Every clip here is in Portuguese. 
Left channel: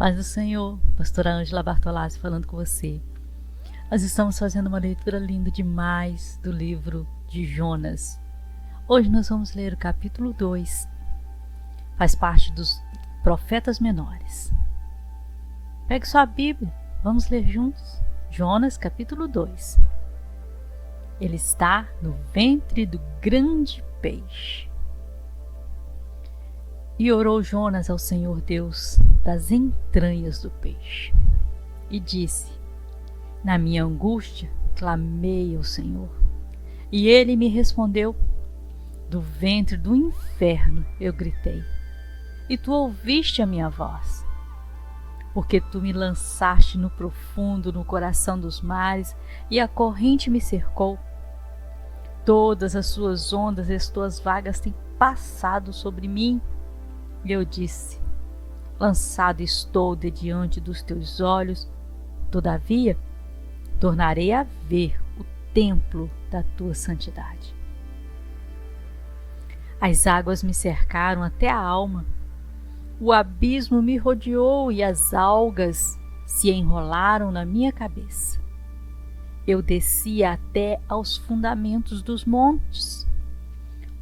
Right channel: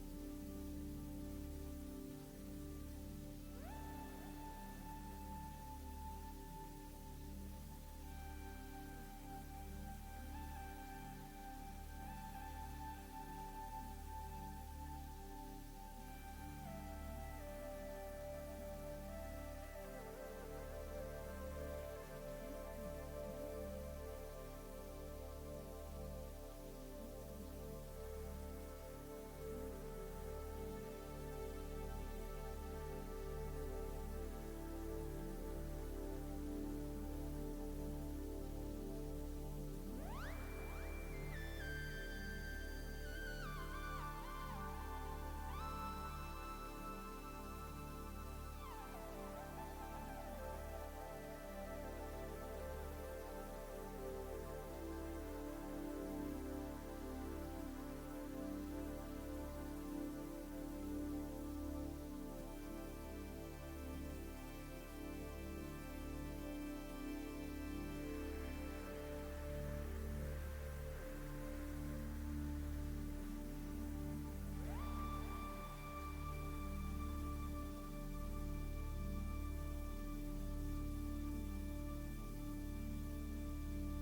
Paz do Senhor, pastora Ângela Bartolazzi falando com você. Nós estamos fazendo uma leitura linda demais do livro de Jonas. Hoje nós vamos ler o capítulo 2. Faz parte dos profetas menores. Pegue sua Bíblia, vamos ler juntos. Jonas, capítulo 2. Ele está no ventre do grande peixe. E orou Jonas ao Senhor Deus das entranhas do peixe. E disse: na minha angústia clamei ao Senhor, e ele me respondeu. Do ventre do inferno eu gritei, e tu ouviste a minha voz. Porque tu me lançaste no profundo, no coração dos mares, e a corrente me cercou. Todas as suas ondas e as tuas vagas têm passado sobre mim. E eu disse: lançado estou de diante dos teus olhos, todavia tornarei a ver o templo da tua santidade. As águas me cercaram até a alma, o abismo me rodeou e as algas se enrolaram na minha cabeça. Eu desci até aos fundamentos dos montes.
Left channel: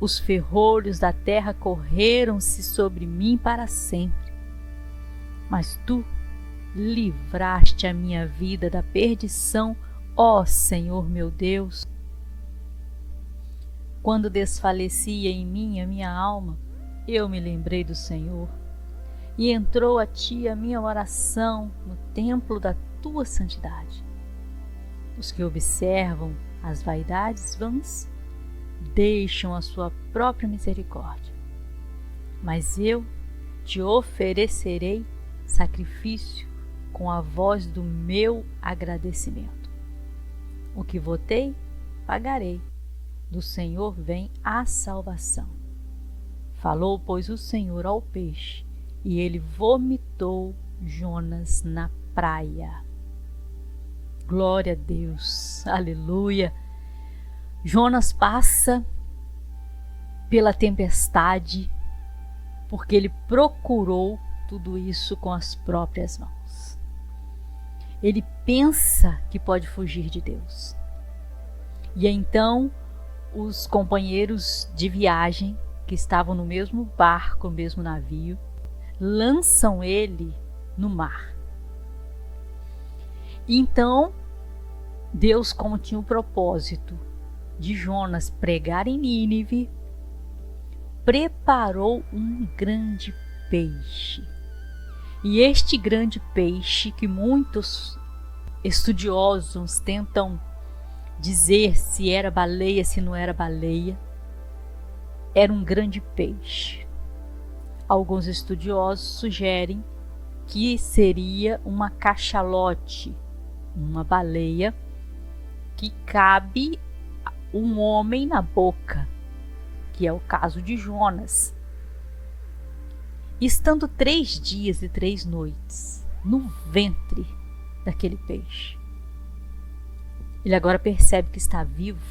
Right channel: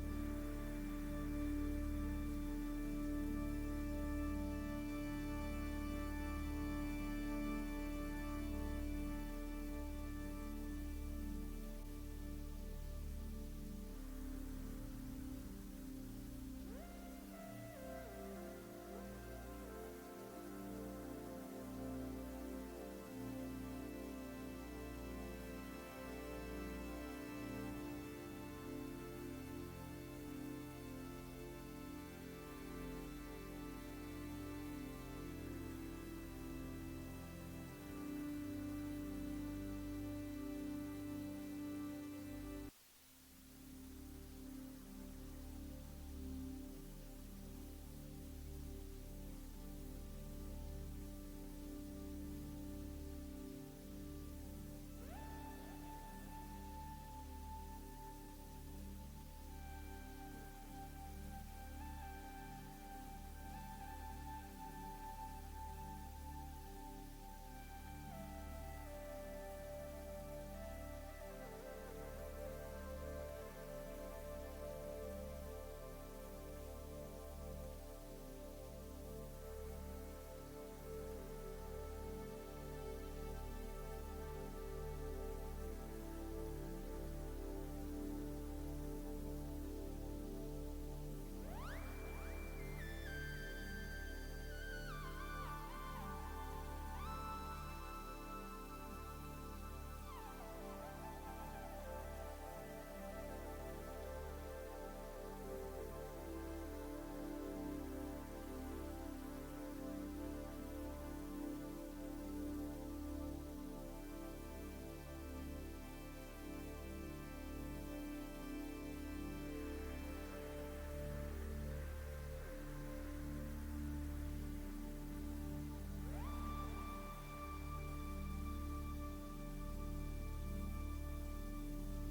Os ferrolhos da terra correram-se sobre mim para sempre. Mas tu livraste a minha vida da perdição, ó Senhor meu Deus. Quando desfalecia em mim a minha alma, eu me lembrei do Senhor, e entrou a ti a minha oração no templo da tua santidade. Os que observam as vaidades vãs deixam a sua própria misericórdia. Mas eu te oferecerei sacrifício com a voz do meu agradecimento. O que votei, pagarei. Do Senhor vem a salvação. Falou, pois, o Senhor ao peixe, e ele vomitou Jonas na praia. Glória a Deus, aleluia. Jonas passa pela tempestade porque ele procurou tudo isso com as próprias mãos. Ele pensa que pode fugir de Deus. E então os companheiros de viagem que estavam no mesmo barco, no mesmo navio, lançam ele no mar. E então Deus, como tinha o propósito de Jonas pregar em Nínive, preparou um grande peixe. E este grande peixe, que muitos estudiosos tentam dizer se era baleia, se não era baleia, era um grande peixe. Alguns estudiosos sugerem que seria uma cachalote, uma baleia que cabe um homem na boca, que é o caso de Jonas. Estando 3 dias e 3 noites no ventre daquele peixe, ele agora percebe que está vivo.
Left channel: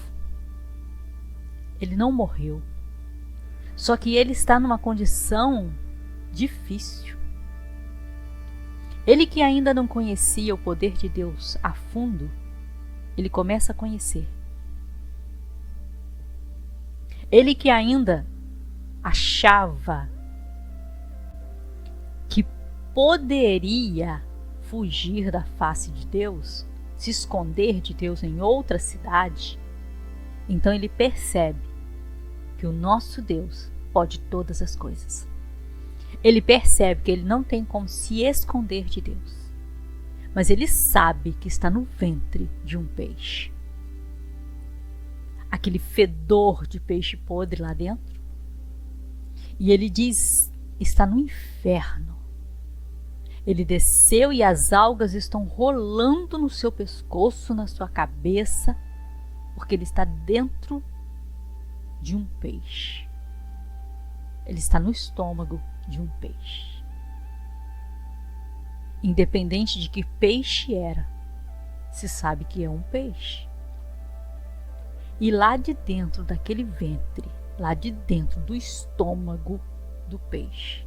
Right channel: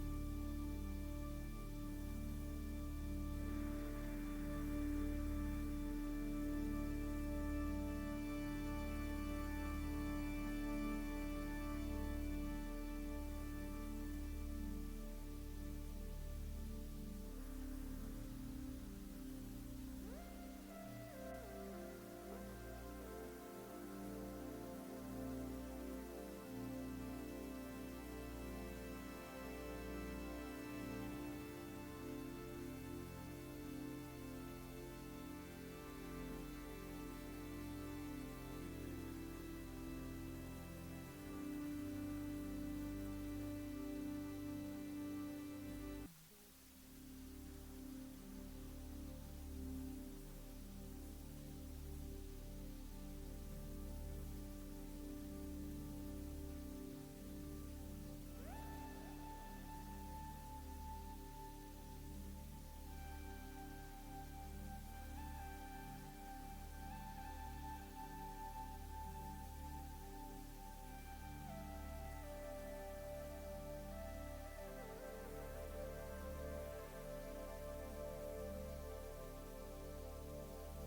Ele não morreu, só que ele está numa condição difícil. Ele que ainda não conhecia o poder de Deus a fundo, ele começa a conhecer. Ele que ainda achava que poderia fugir da face de Deus, se esconder de Deus em outra cidade, então ele percebe que o nosso Deus pode todas as coisas. Ele percebe que ele não tem como se esconder de Deus, mas ele sabe que está no ventre de um peixe. Aquele fedor de peixe podre lá dentro. E ele diz: está no inferno. Ele desceu e as algas estão rolando no seu pescoço, na sua cabeça, porque ele está dentro de um peixe. Ele está no estômago de um peixe. Independente de que peixe era, se sabe que é um peixe. E lá de dentro daquele ventre, lá de dentro do estômago do peixe,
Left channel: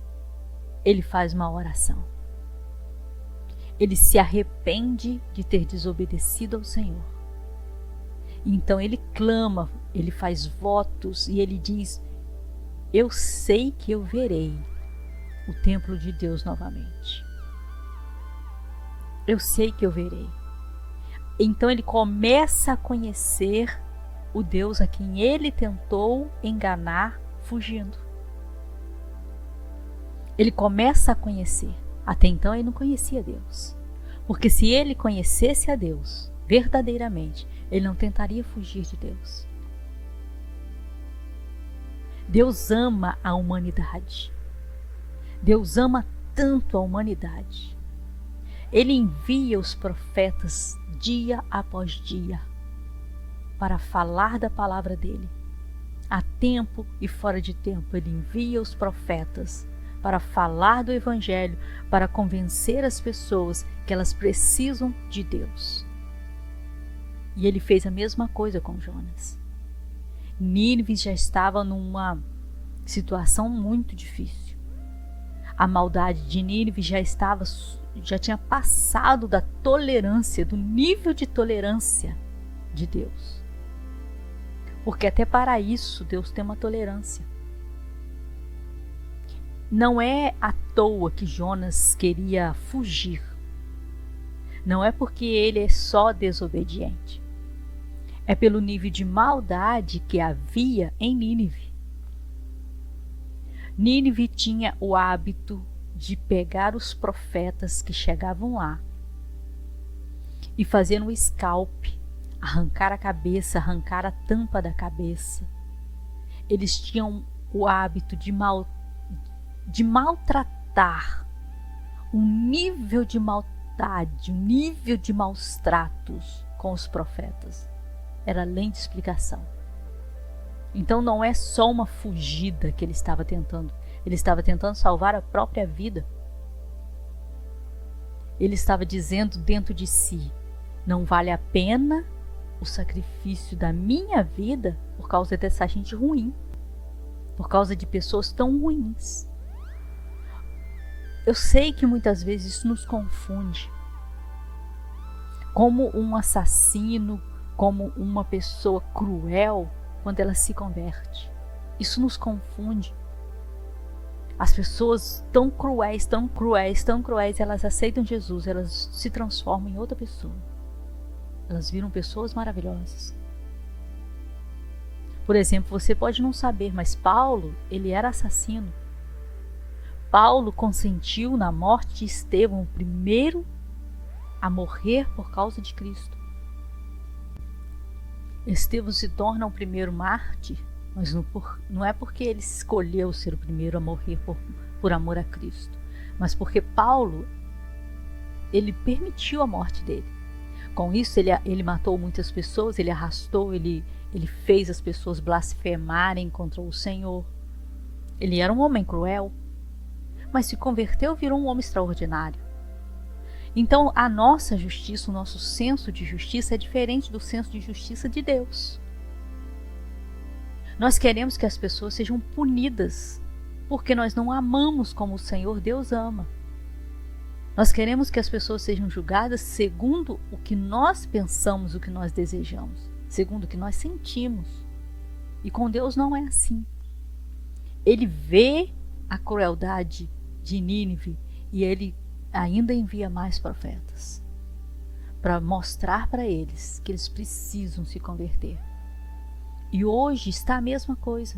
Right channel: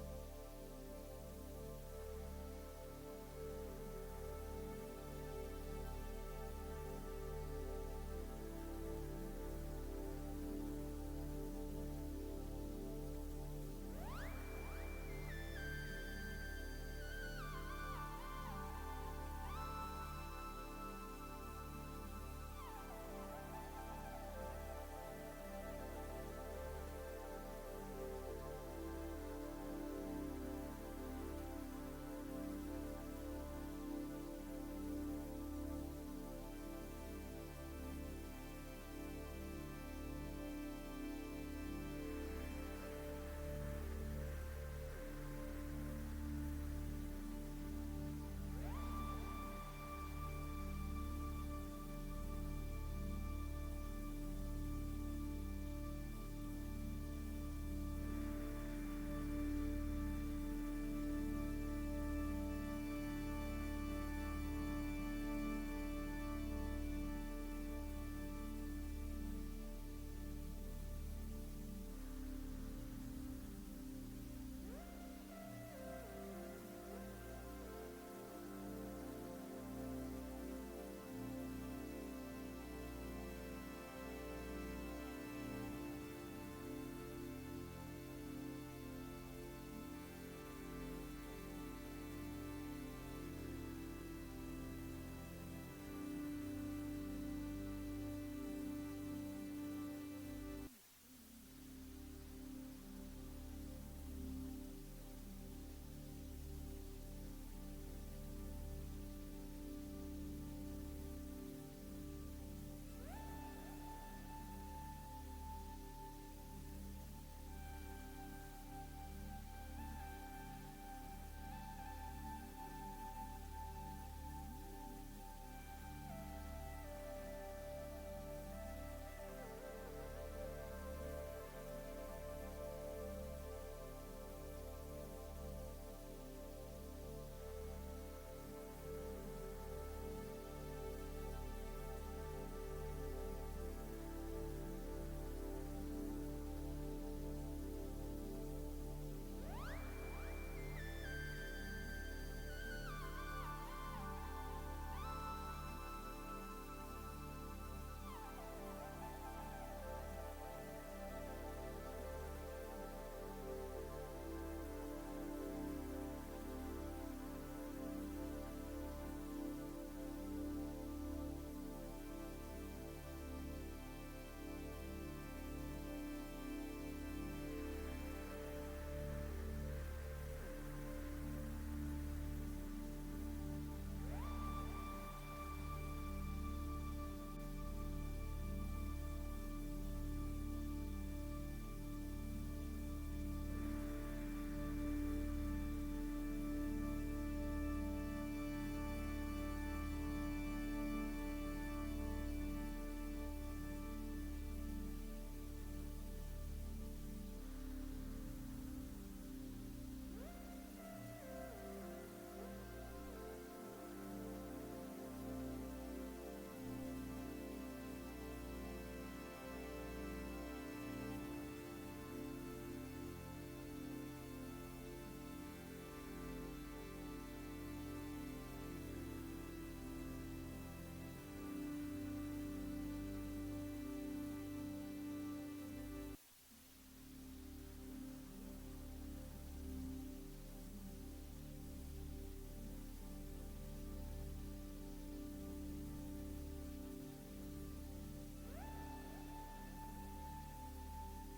ele faz uma oração. ele se arrepende de ter desobedecido ao Senhor. Então ele clama, ele faz votos e ele diz: eu sei que eu verei o templo de Deus novamente. Eu sei que eu verei. Então ele começa a conhecer o Deus a quem ele tentou enganar fugindo. Ele começa a conhecer. Até então ele não conhecia Deus. Porque se ele conhecesse a Deus verdadeiramente, ele não tentaria fugir de Deus. Deus ama a humanidade. Deus ama tanto a humanidade. Ele envia os profetas dia após dia para falar da palavra dele. A tempo e fora de tempo, ele envia os profetas para falar do Evangelho, para convencer as pessoas que elas precisam de Deus. E ele fez a mesma coisa com Jonas. Nínive já estava numa situação muito difícil. A maldade de Nínive já tinha passado da tolerância, do nível de tolerância de Deus. Porque até para isso Deus tem uma tolerância. Não é à toa que Jonas queria fugir. Não é porque ele é só desobediente. É pelo nível de maldade que havia em Nínive. Nínive tinha o hábito de pegar os profetas que chegavam lá e fazer um scalp, arrancar a cabeça, arrancar a tampa da cabeça. Eles tinham o hábito de maltratar, um nível de maldade, um nível de maus tratos com os profetas. Era além de explicação. Então não é só uma fugida que ele estava tentando salvar a própria vida. Ele estava dizendo dentro de si: não vale a pena o sacrifício da minha vida por causa dessa gente ruim, por causa de pessoas tão ruins. Eu sei que muitas vezes isso nos confunde. Como um assassino, como uma pessoa cruel, quando ela se converte. Isso nos confunde. As pessoas tão cruéis, elas aceitam Jesus, elas se transformam em outra pessoa. Elas viram pessoas maravilhosas. Por exemplo, você pode não saber, mas Paulo, ele era assassino. Paulo consentiu na morte de Estevão, o primeiro a morrer por causa de Cristo. Estevão se torna o primeiro mártir, mas não é porque ele escolheu ser o primeiro a morrer por amor a Cristo, mas porque Paulo, ele permitiu a morte dele. Com isso ele matou muitas pessoas, ele arrastou, ele fez as pessoas blasfemarem contra o Senhor. Ele era um homem cruel, mas se converteu, virou um homem extraordinário. Então a nossa justiça, o nosso senso de justiça é diferente do senso de justiça de Deus. Nós queremos que as pessoas sejam punidas, porque nós não amamos como o Senhor Deus ama. Nós queremos que as pessoas sejam julgadas segundo o que nós pensamos, o que nós desejamos, segundo o que nós sentimos. E com Deus não é assim. Ele vê a crueldade de Nínive e ele ainda envia mais profetas para mostrar para eles que eles precisam se converter. E hoje está a mesma coisa.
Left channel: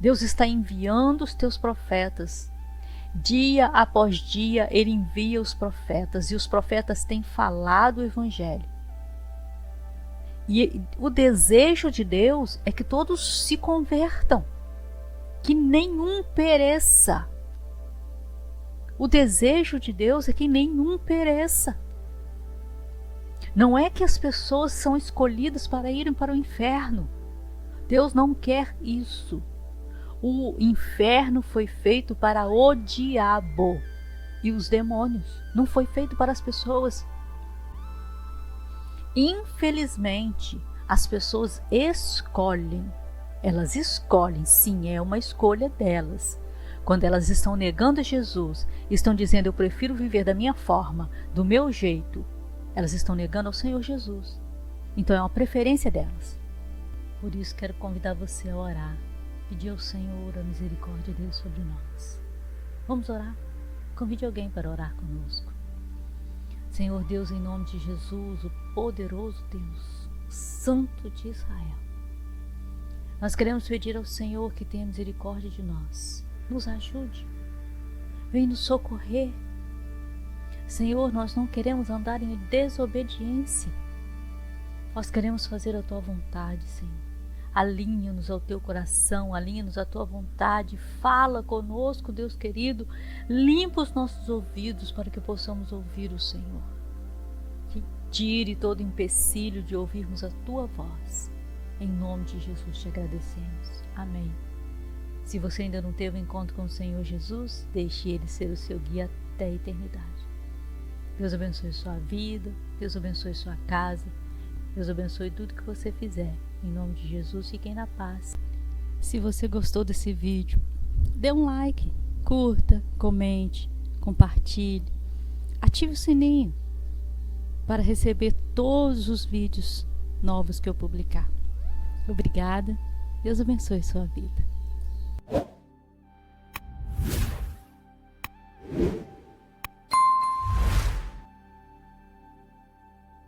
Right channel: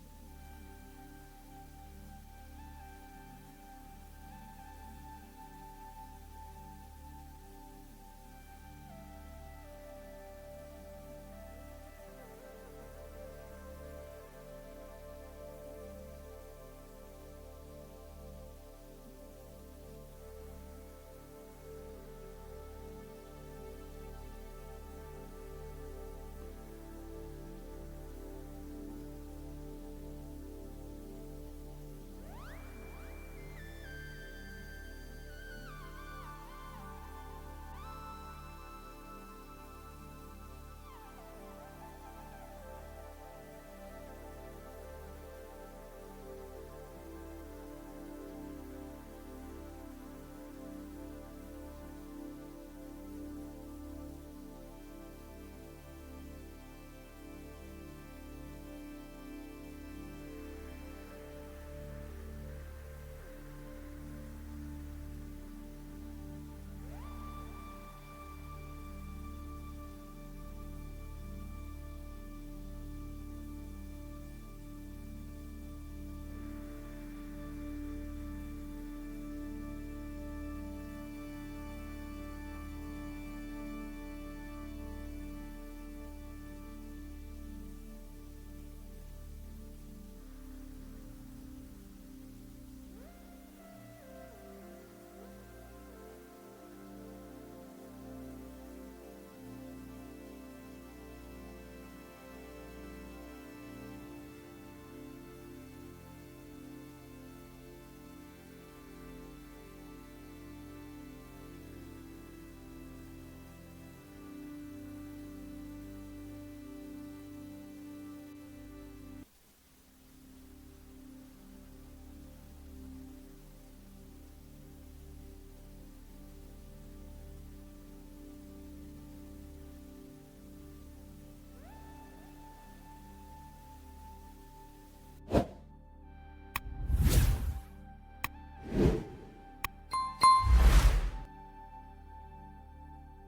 Deus está enviando os teus profetas. Dia após dia ele envia os profetas e os profetas têm falado o Evangelho. E o desejo de Deus é que todos se convertam, que nenhum pereça. O desejo de Deus é que nenhum pereça. Não é que as pessoas são escolhidas para irem para o inferno. Deus não quer isso. O inferno foi feito para o diabo e os demônios. Não foi feito para as pessoas. Infelizmente, as pessoas escolhem. Elas escolhem, sim, é uma escolha delas. Quando elas estão negando Jesus, estão dizendo eu prefiro viver da minha forma, do meu jeito, elas estão negando ao Senhor Jesus. Então é uma preferência delas. Por isso quero convidar você a orar, pedir ao Senhor a misericórdia dele sobre nós. Vamos orar? Convide alguém para orar conosco. Senhor Deus, em nome de Jesus, o poderoso Deus, o Santo de Israel, nós queremos pedir ao Senhor que tenha misericórdia de nós. Nos ajude, vem nos socorrer. Senhor, nós não queremos andar em desobediência, nós queremos fazer a Tua vontade, Senhor. Alinha-nos ao Teu coração, alinha-nos à Tua vontade, fala conosco, Deus querido, limpa os nossos ouvidos para que possamos ouvir o Senhor. Que tire todo empecilho de ouvirmos a Tua voz. Em nome de Jesus te agradecemos. Amém. Se você ainda não teve um encontro com o Senhor Jesus, deixe Ele ser o seu guia até a eternidade. Deus abençoe sua vida, Deus abençoe sua casa, Deus abençoe tudo que você fizer. Em nome de Jesus, fiquem na paz. Se você gostou desse vídeo, dê um like, curta, comente, compartilhe, ative o sininho para receber todos os vídeos novos que eu publicar. Obrigada, Deus abençoe sua vida.